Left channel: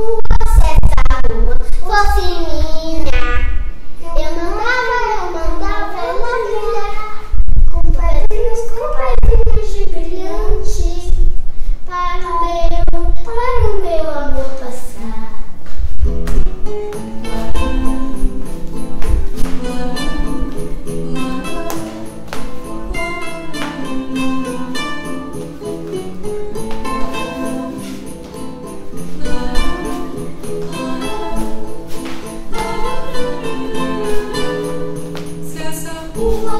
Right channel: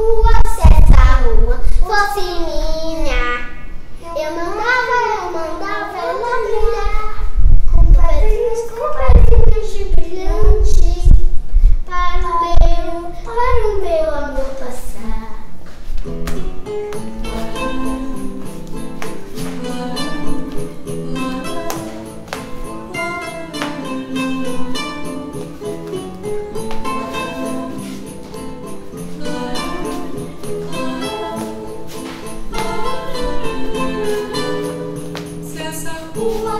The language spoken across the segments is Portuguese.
rua, se essa rua fosse minha, eu mandava ela brilhar com pedrinhas de brilhantes para o meu amor passar. Se essa rua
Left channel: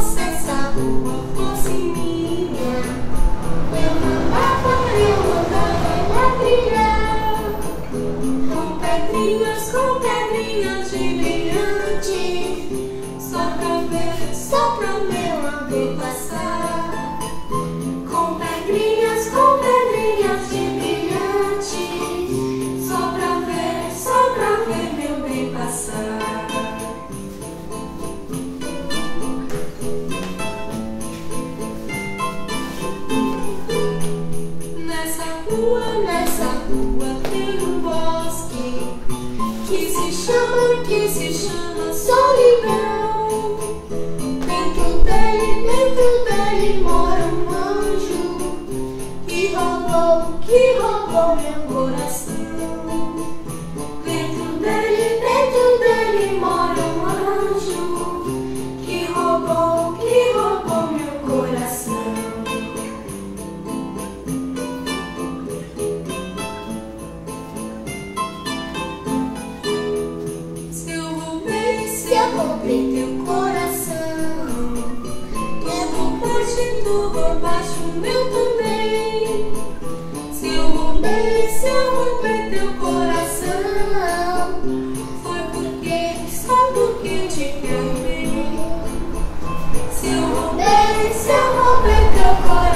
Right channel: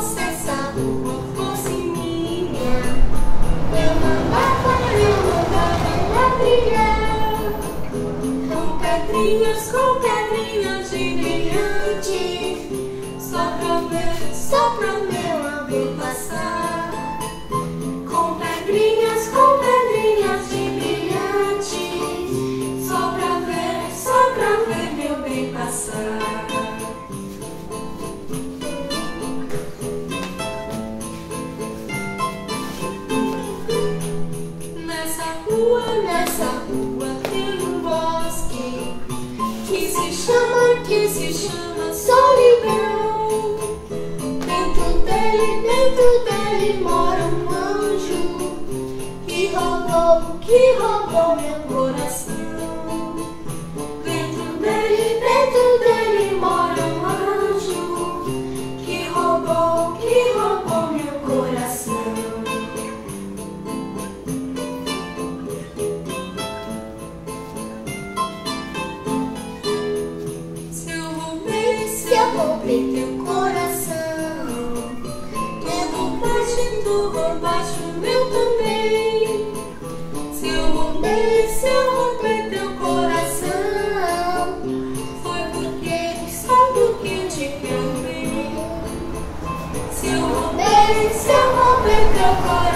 fosse minha, Eu mandava ela brilhar com pedrinhas de brilhante, só pra o meu amor passar. Com pedrinhas de brilhante, só pra ver meu bem passar. Nessa rua tem um bosque que se chama solidão. Dentro dele mora um anjo que roubou meu coração. Dentro dele mora um anjo que roubou meu coração. Se eu roubei teu coração, tu roubaste o meu também. Se eu roubei teu coração, foi só porque te quero bem. Se eu roubei teu coração,